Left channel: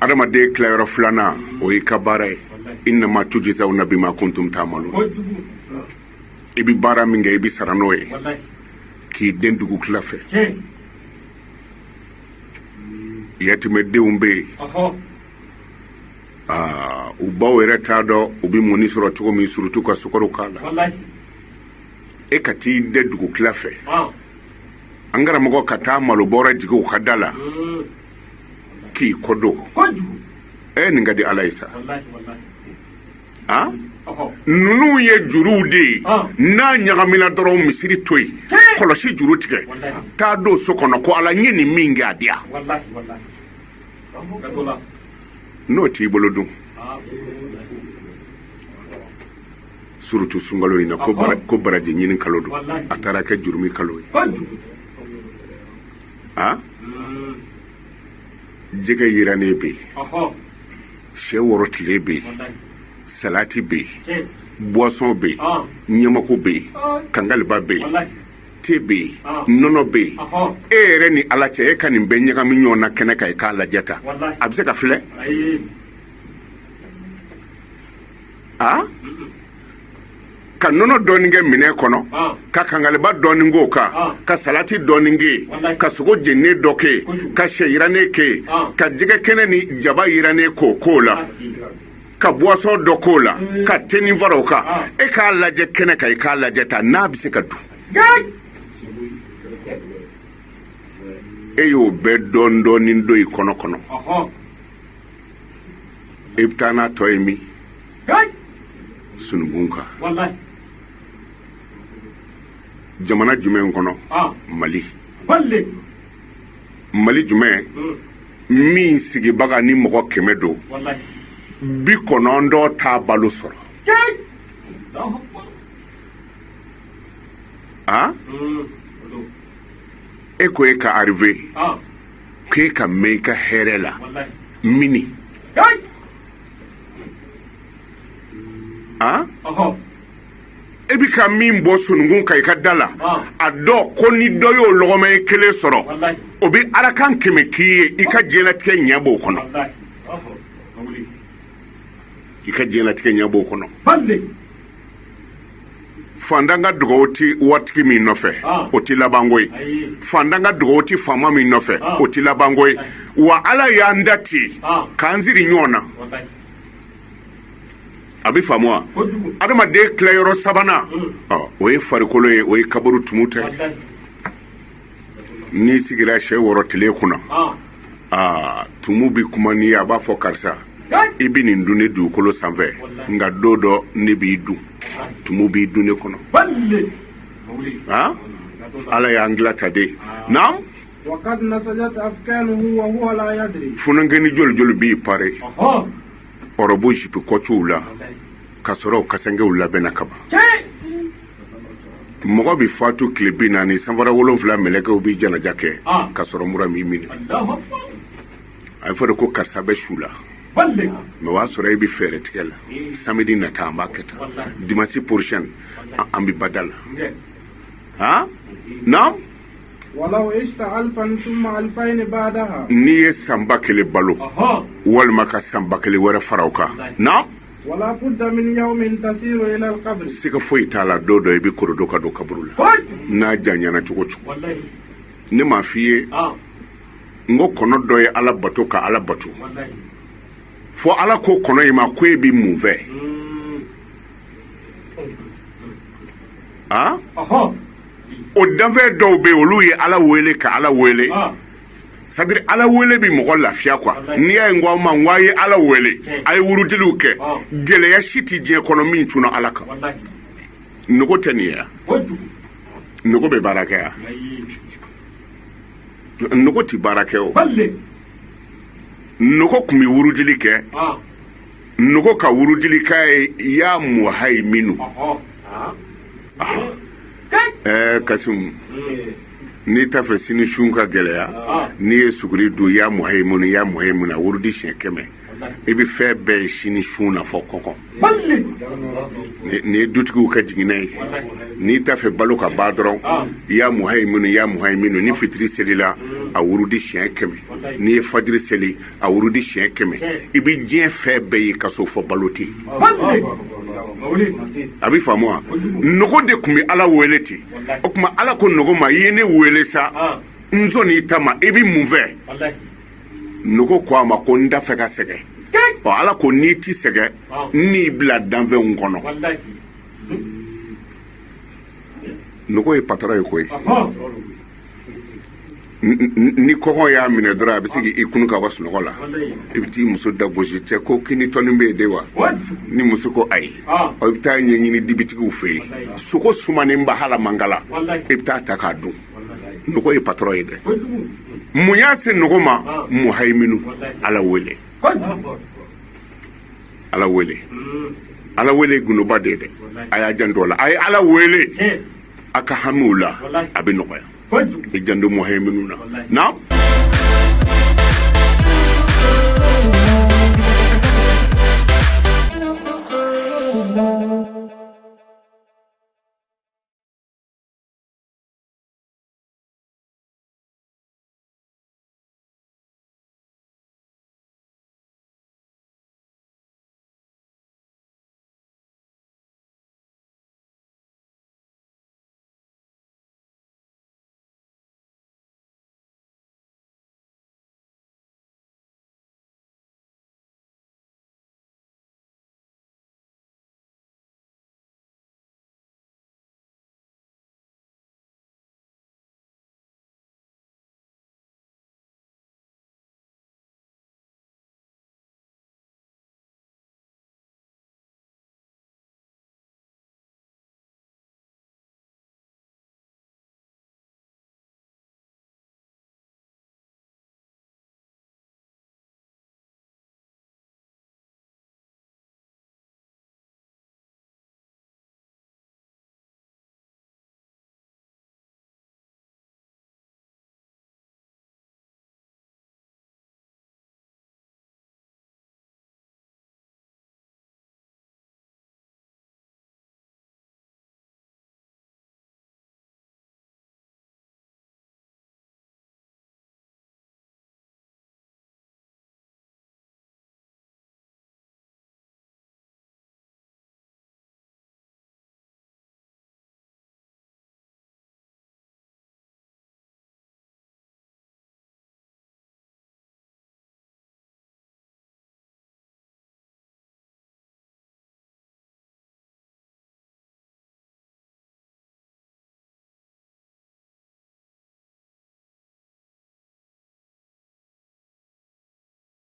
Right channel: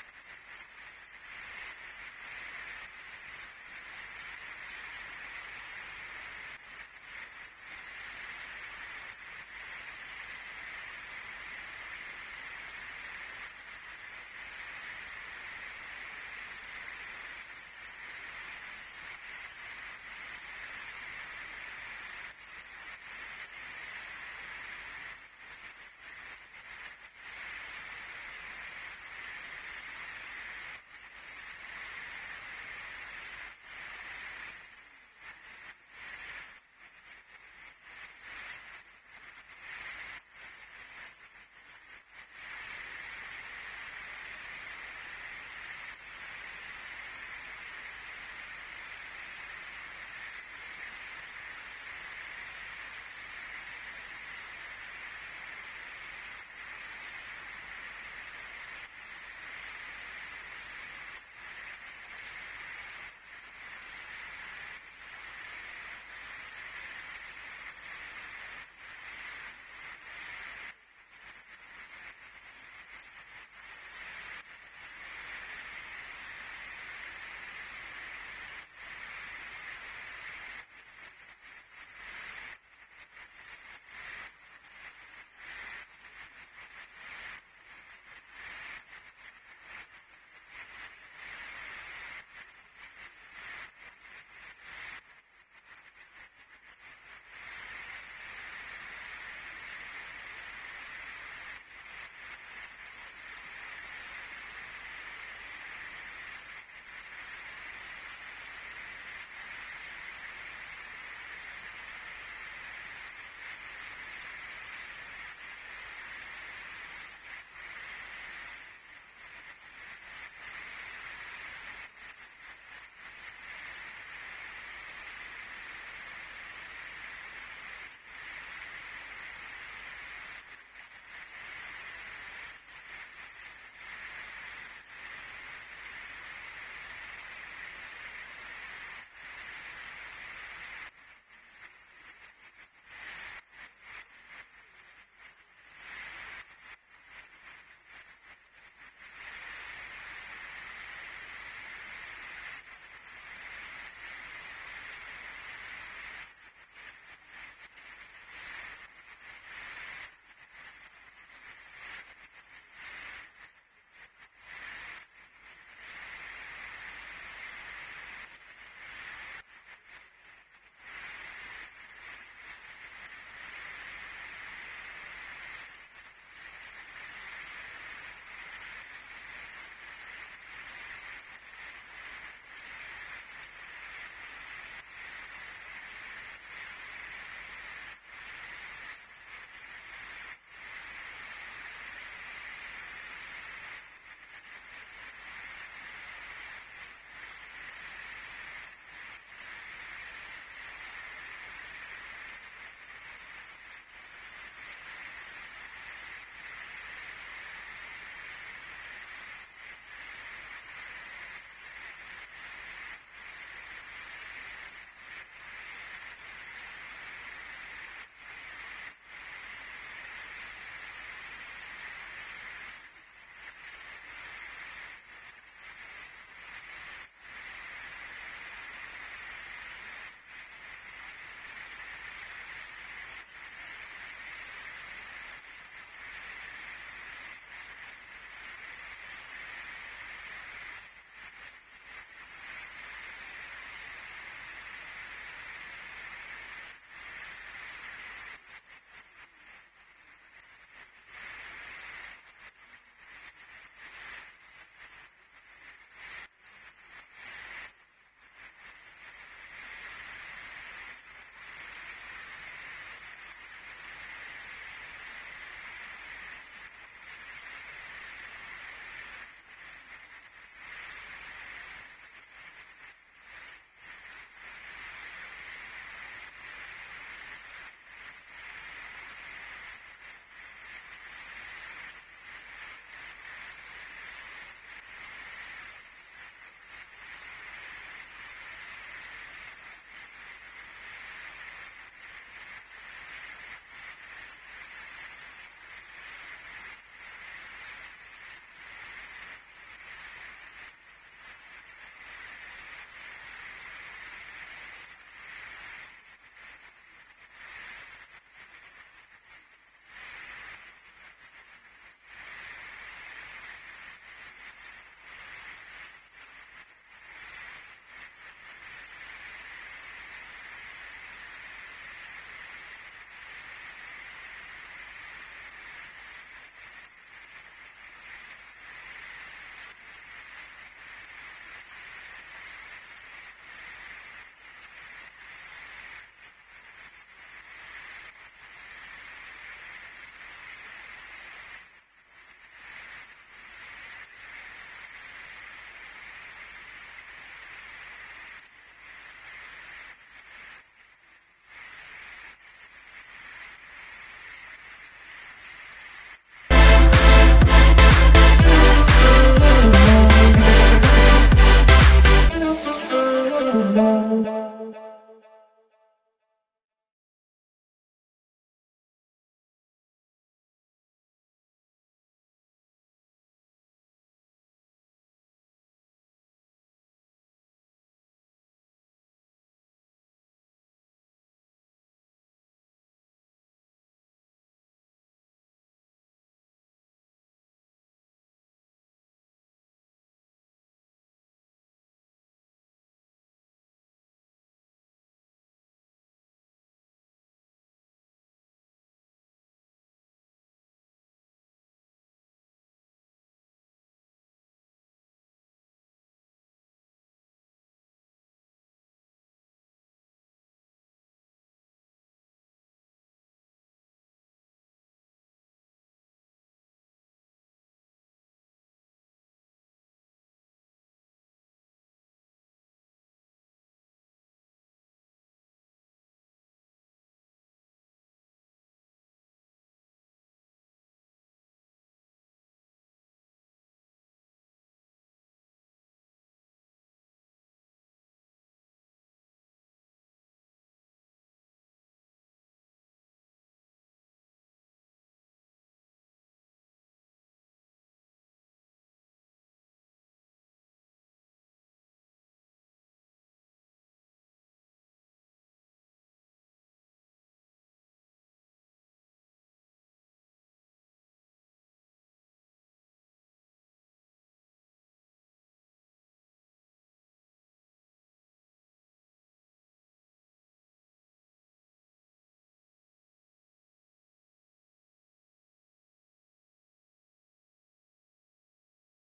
adamaden tilayɔrɔ filanan o y'i ka baara ye innama tujzawna bima kuntum ta'malun i bi baara min kɛ i bi sara n'o ye k'i den dugu tila fɛ yatimɛdenw bɛ yen u baw yɛrɛ t'a dɔn u bi mɔni sɔrɔ cogo min surutu ka sukaro k'a la e ka t'i den dugu tila fɛ an karamɔgɔ ka taa malo bɔrɛ jigin u ka da la k'i kɔdon nin ka di ala ye sa ninnu ye juruw de ye n'a ɲagamina dɔrɔn misiri to yen kɔlɔsi juru tigɛ taa don so kɔnɔ ko ala n ye nin min kɛ a diya n'o t'i bolo dun surutu sunkalo in na ko baraji ɲini kalo don a taara kɛ jurumi kalo ye jɛgɛ yirannen bɛ yen sɛ wɔrɔ tile bɛ yen salati bɛ yen boisson bɛ yen ɲɛmako bɛ yen kangaliba bɛ yen te bɛ yen nɔnɔ bɛ yen e yɛrɛ ni ala cɛ e ka nin bɛɛ ɲagami ɲɔgɔn na kɛnɛ kan i k'a lajɛ ta a bɛ se ka filɛ ka nɔnɔ dɔɔnin kɛ minɛn kɔnɔ ka kangaliba dɔɔnin k'o kan ka salati dɔɔnin kɛ ka sogo jeninen dɔ kɛ ka sɛ yirannen kɛ ka jɛgɛ kɛnɛ ni jaba yirannen k'o la ka boisson dɔ k'o la ka tenin fara o kan e k'a lajɛ kɛnɛ kan i k'a lajɛ ta n'a bɛ se ka dun e y'o bɛɛ dɔɔnin dɔɔnin don i kɔnɔ e bɛ taa n'a tɔ ye min sununkun kan jamana jumɛn kɔnɔ mali jumɛn min sigibaga ni mɔgɔ 100 don 90 t'a balo sɔrɔ e ko e ka arrivé k'e ka mɛn i ka hɛrɛ la mini e bi ka min bɔ sununkun kan i ka da la a dɔ ko ni dɔ y'o lɔgɔma ye 1 sɔrɔ o bi arakan 100 k'i ye i ka diɲɛlatigɛ ɲɛ b'o kɔnɔ fandan ka dugawu ti waritigi min nɔfɛ o ti labanko ye fandan ka dugawu ti faama min nɔfɛ o ti labanko ye wa ala y'an da ten k'an siri ɲɔgɔn na a bɛ faamu wa adamaden tilayɔrɔ sabanan o ye farikolo ye o ye kaburu tumu tɛ n'i sigira sɛ wɔrɔ tile kunna tumu bi kuma n'i ye a b'a fɔ karisa i bi nin dun ne dugukolo sanfɛ nka don dɔ ne b'i dun tumu b'i dun ne kɔnɔ ala y'an dilan ta de naam funankɛni joli joli b'i pare ɔrɔbu jipi kɔciw la ka sɔrɔ kasangew labɛnna ka ban mɔgɔ bi fatu tile 40 sanfara 7 mɛlɛkɛw bi janaja kɛ ka sɔrɔ mura m'i minɛ a fɔ de ko karisa bɛ su la mɛ o y'a sɔrɔ e bi fɛɛrɛ tigɛ la samedi nata an b'a kɛ tan dimanche prochain an bi bada la naam n'i ye sanba 1 balo walima ka sanba 1 wɛrɛ fara o kan naam siga foyi t'a la don dɔ i bi korodo ka don kaburu la n'a janyana cogo cogo ne m'a f'i ye n ko kɔnɔ dɔ ye ala bato ka ala bato fɔ ala ko kɔnɔ in ma ko e bi mun fɛ o danfɛn dɔw bɛ yen olu ye ala wele ka ala wele c'est-à-dire ala wele bi mɔgɔ lafiya quoi n'i y'a ye n ko aw ma n ko a ye ala wele a ye wurudiliw kɛ gɛlɛya si tɛ diɲɛ kɔnɔ min tunna ala kan nogo tɛ nin ye yan nogo bɛ baara kɛ yan nogo tɛ baara kɛ o nogo tun bɛ wurudili kɛ nogo ka wurudili k'a ye ya muhaiminu Kasimu n'i t'a fɛ sini sun ka gɛlɛya n'i ye suguri dun ya muhaiminu a wurudi siɲɛ 100 i bɛ fɛn bɛɛ ye sini sun na fɔ kɔkɔ ni ye dutigiw ka jiginna ye n'i t'a fɛ balo ka ban dɔrɔn ya muhaiminu ni fitiri selila a wurudi siɲɛ 100 n'i ye fajiri seli a wurudi siɲɛ 100 i bɛ diɲɛ fɛn bɛɛ ye ka so fɔ balo tɛ a bɛ faamu wa nogo de tun bɛ ala wele ten o tuma ala ko nogo ma i ye ne wele sa n sɔnni ta ma i bɛ mun fɛ nogo ko a ma ko n da fɛ ka sɛgɛn ala ko n'i ti sɛgɛn n'i bila danfɛnw kɔnɔ nogo ye patara ye koyi ni kɔngɔ y'a minɛ dɔrɔn a bɛ se k'i kunu ka bɔ sunɔgɔ la i bɛ t'i muso da gosi cɛ ko kini tɔni bɛ yen de wa ni muso ko ayi i bɛ taa ɲɛɲini dibitigiw fɛ yen sogo sumanen ba hala mangala i bɛ taa ta k'a dun nogo ye patara ye dɛ mun y'a se nogo ma muhaiminu ala wele ala wele ala wele gunuba de dɛ a y'a janto la a ye ala wele a ka hamiw la a bɛ nɔgɔya i janto muhaiminu na